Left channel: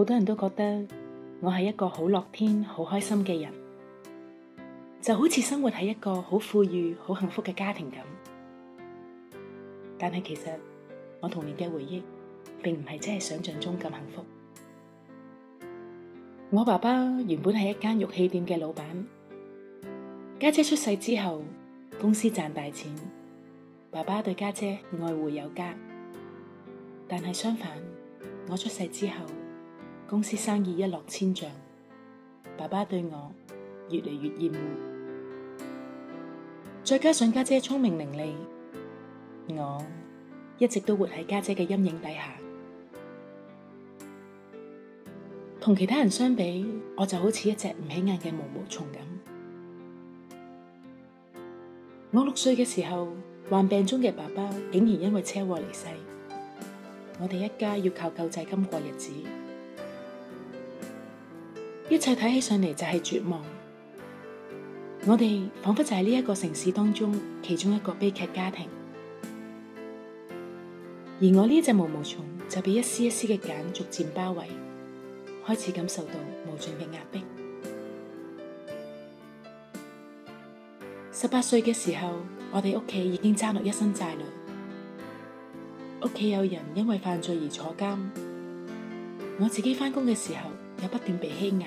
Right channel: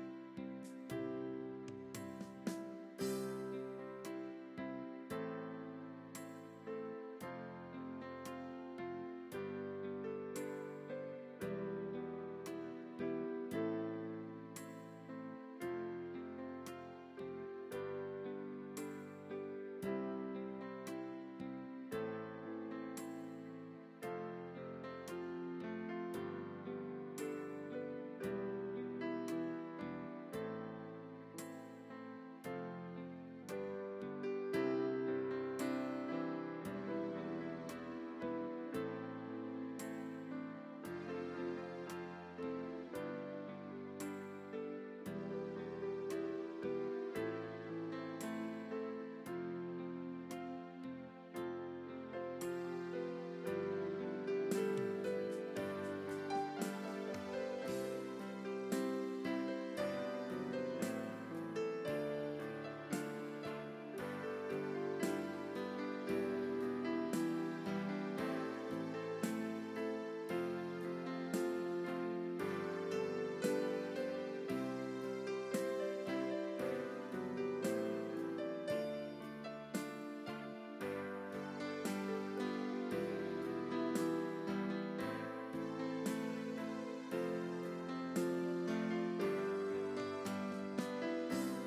好多人都覺得我係一個好樂天、好開心嘅人，就好似生活喺一個好富裕、好幸福嘅家庭咁。但係其實我童年嘅回憶並唔係真係想象中咁幸福。我爸爸原本係一間玉器店嘅老闆，家姐出世之後，公司賺大錢，爸爸對家姐愛護有加。但係相反，我出世之後，公司生意一落千丈，爸爸對我越嚟越厭惡。再加上家姐聰明伶俐，我一直都活喺家姐嘅陰影底下。同其他人相比，我就好似一隻唔起眼嘅毛毛蟲咁。我6歲嘅時候，患病中嘅爸爸竟然因為車禍離世，我哋一家要靠救濟金過日子，一切睇起上嚟就係絕望。我哋仿佛就係呢一個城市當中其中一個悲劇家庭，而我呢隻毛毛蟲就被一絲一絲嘅繭逐漸包圍，開始感受到無盡嘅壓迫。18歲嘅時候，我哋屋企已經爭落一身債啦。屋企有人因為犯罪而坐監，我自己返工嘅時候又不斷被欺壓。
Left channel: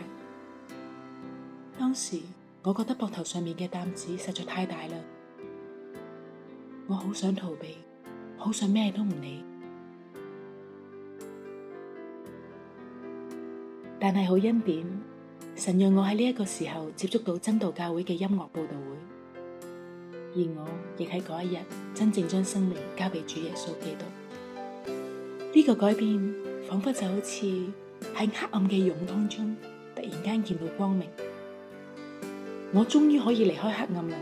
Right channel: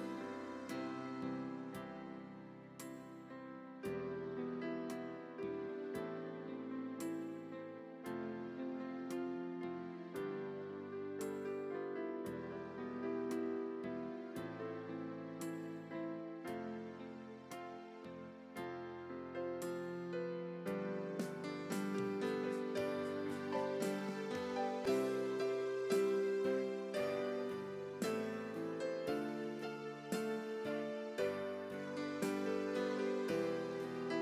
當時我覺得膊頭上面嘅擔子實在太大啦，我好想逃避，好想咩都唔理。但係好恩典，神讓我喺呢一個時候接觸到真道教會嘅音樂佈道會，而我亦喺嗰一日真正將生命交俾主耶穌基督。呢個改變仿佛就好似喺黑暗嘅湧當中突然間見到光明，我終於可以離開黑暗啦，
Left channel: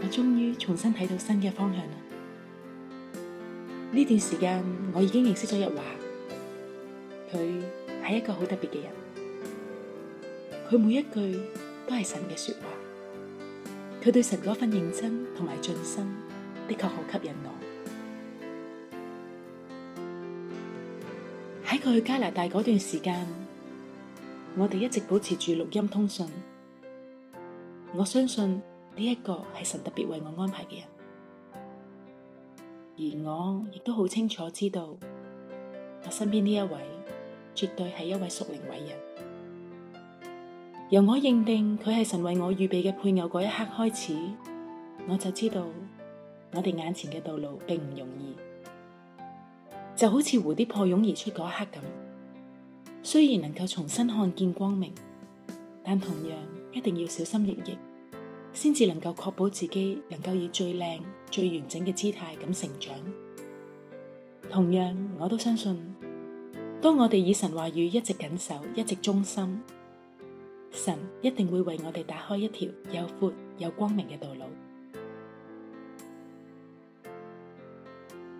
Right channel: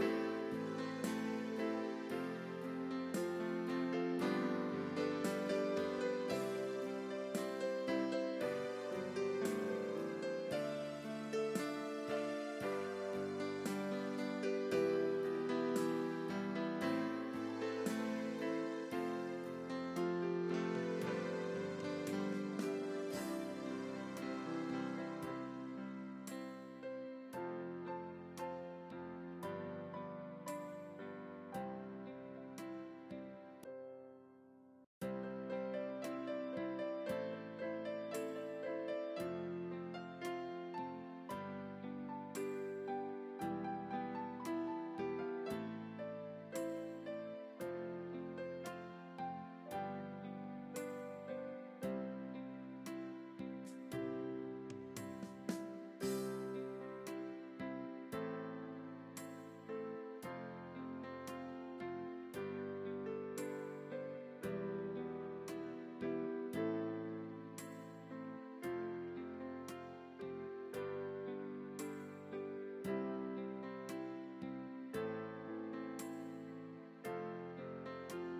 我終於重新睇到新嘅方向啦。呢段時間我已經認識咗日華，佢係一個好特別嘅人，佢每一句都係神嘅說話，佢對神嗰份認真同埋盡心的確好吸引我。喺佢去加拿大嗰段時間，我哋一直保持住錄音通訊。我相信呢一個係神特別為我安排嘅人，而我亦都好清楚知道，我身邊呢一位絕對係一位屬靈偉人。由我認定佢係神為我預備嘅配偶嗰一刻開始，我就知道我哋眼前嘅道路並唔容易。就好似蝴蝶破蛹而出嗰一刻咁，雖然能夠重新看見光明，但同樣一定要小心翼翼，先至能夠確保自己能夠以最靚、最完整嘅姿態咁成長。同樣，我都相信，當我哋以神話語一直緊守、一直忠心，神一定會為我哋打開一條又闊又光明嘅道路。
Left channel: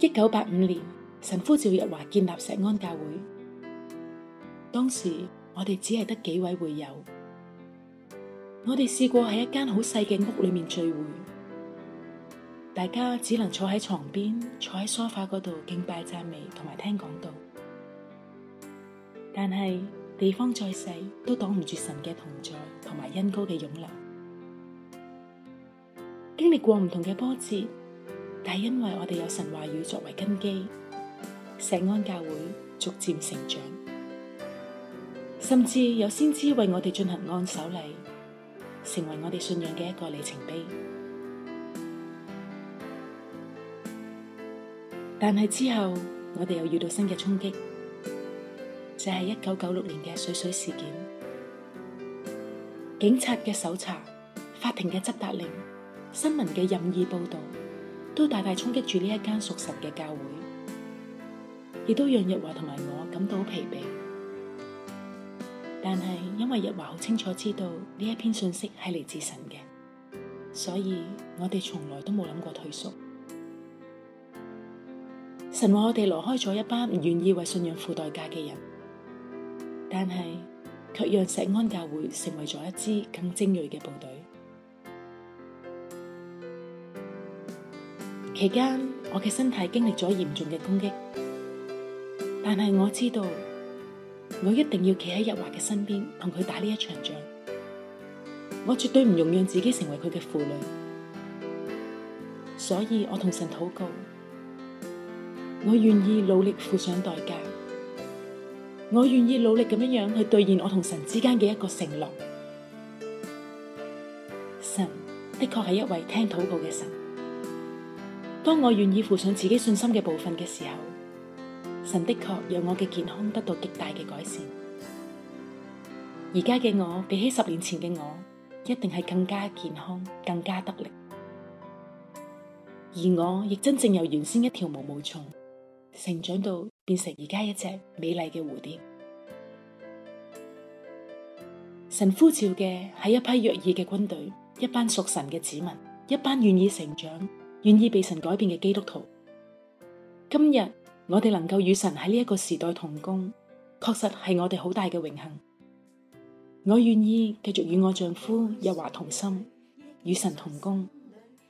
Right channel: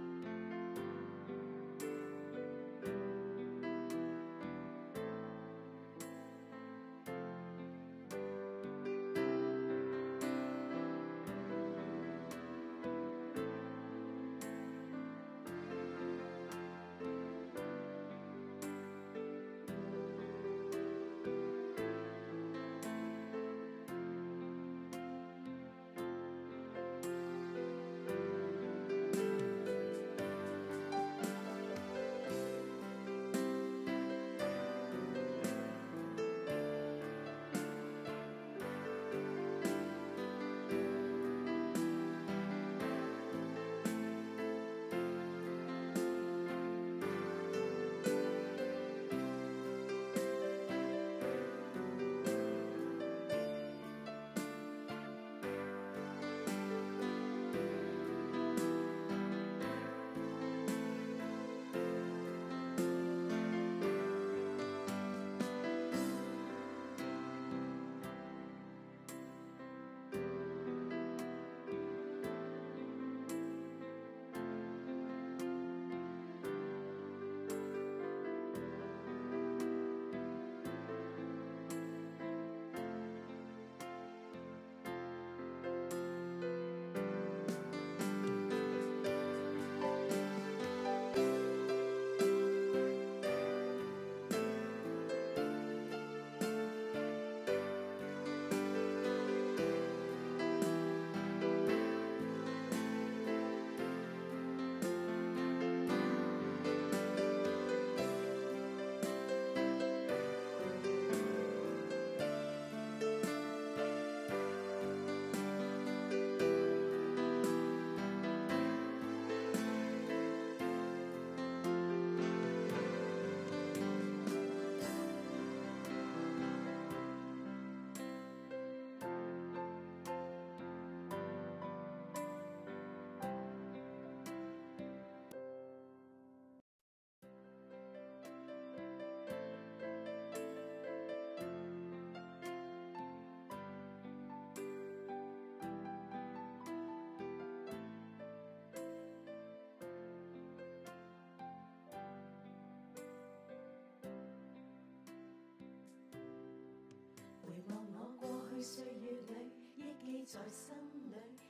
1985年，神呼召日華建立石安教會，當時我哋只係得幾位會友，我哋試過喺一間好細嘅屋裏面聚會，大家只能坐喺床邊，坐喺梳化嗰度敬拜讚美同埋聽講道。但係地方再細，都擋唔住神嘅同在同埋恩膏嘅湧流。經歷過唔同嘅波折，但係因為我哋有神話語作為根基，石安教會逐漸成長，甚至有先知為我哋進行按手禮，成為我哋信仰嘅一個里程碑。但係之後我哋又遇到新嘅衝擊，就係1996年嘅水水事件。警察嘅搜查、法庭嘅執達令、新聞嘅任意報道，都大大衝擊住呢一間屬神嘅教會，亦都讓日華同埋我感到疲憊。但係因為日華好清楚知道呢一篇信息係嚟自神嘅，所以我哋從來都冇諗過退縮。神話我哋離開咗一班唔願意為信仰付代價嘅人，但係卻讓石安教會成為咗一支更精銳嘅部隊。期間我嘅身體經歷咗嚴重嘅攻擊，但係我知道我一定要企喺日華嘅身邊，同佢打呢一場仗。我絕對唔容讓自己成為佢嘅負累，所以我同神禱告，我願意努力付上代價，我願意努力咁樣去兌現我同神之間嘅一個承諾。神的確係一位聽禱告嘅神，當我願意付上自己信心嘅部分嘅時候，神的確讓我嘅健康得到極大嘅改善。而家嘅我比起10年前嘅我，一定係更加健康，更加得力。而我亦真正由原先一條毛毛蟲，成長到變成而家一隻美麗嘅蝴蝶。神呼召嘅係一批約珥嘅軍隊，一班屬神嘅子民，一班願意成長、願意被神改變嘅基督徒。今日我哋能夠與神喺呢一個時代同工，確實係我哋好大嘅榮幸。我願意繼續與我丈夫日華同心，與神同工，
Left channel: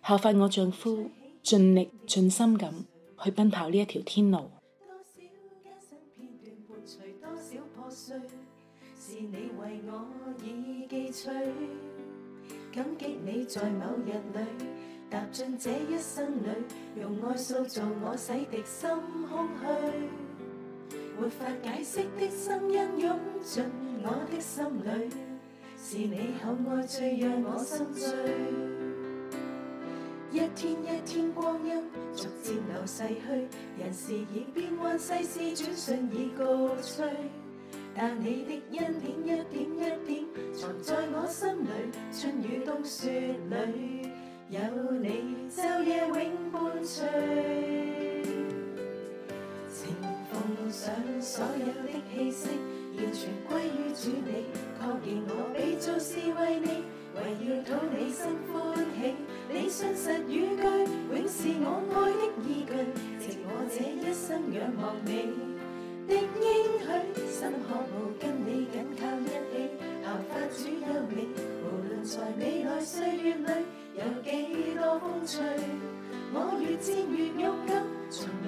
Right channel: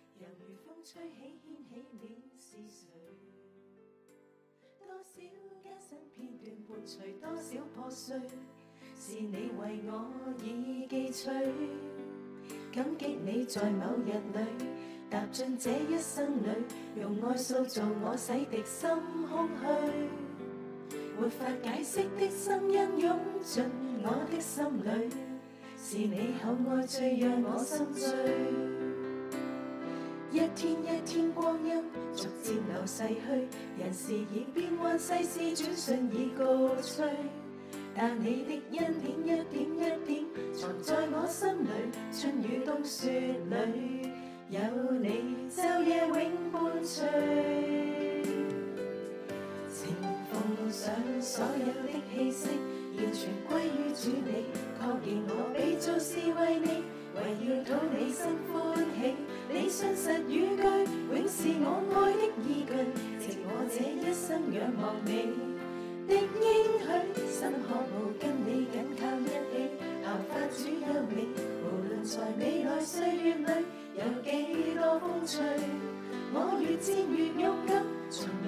效法我丈夫盡力盡心咁去奔跑呢一條天路。是你為我已記取，感激你在某日裏踏進這一生裏，用愛塑造我，洗滌心空虛，沒法解釋的聲音湧進我的心裏，是你厚愛最讓我心醉。一天一天光陰逐漸流逝去，人事已變幻，世事轉瞬已告吹，但你的恩典一點一點藏在我心裏，春雨冬雪裏有你晝夜永伴隨。情奉上所有的氣息，完全歸於主你，確認我被造是為你，為要討你心歡喜。你信實語句永是我愛的依據，藉我這一生仰望你的應許，心渴慕跟你緊靠一起，效法主有你，無論在未來歲月裏有幾多風吹，我越戰越勇敢，從未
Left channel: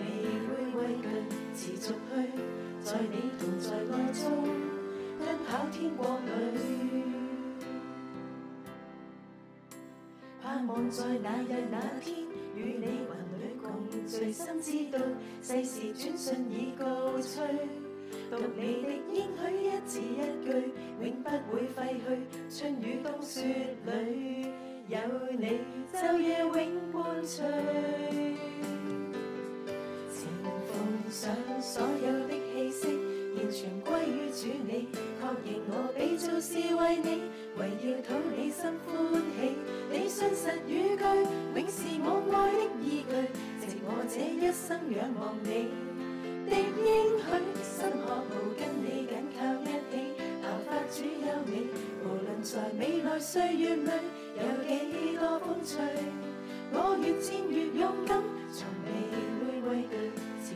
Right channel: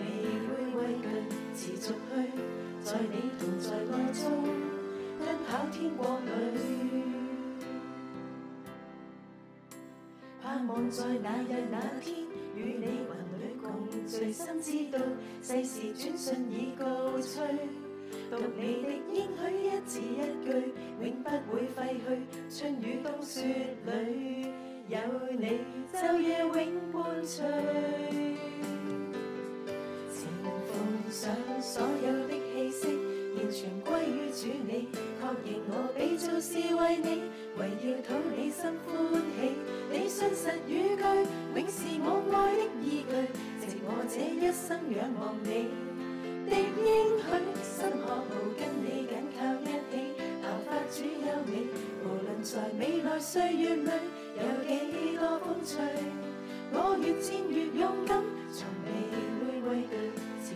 會畏懼，持續去在你同在愛中奔跑天國裏，盼望在那日那天與你雲裏共聚，心知道世事轉瞬已告吹，讀你的應許一字一句永不會廢去，春雨冬雪裏有你晝夜永伴隨。情奉上所有的氣息，完全歸於主你，確認我被造是為你，為要討你心歡喜。你信實語句永是我愛的依據，藉我這一生仰望你的應許，心渴慕跟你緊靠一起，效法主有你，無論在未來歲月裏有幾多風吹，我越戰越勇敢，從未會畏懼，持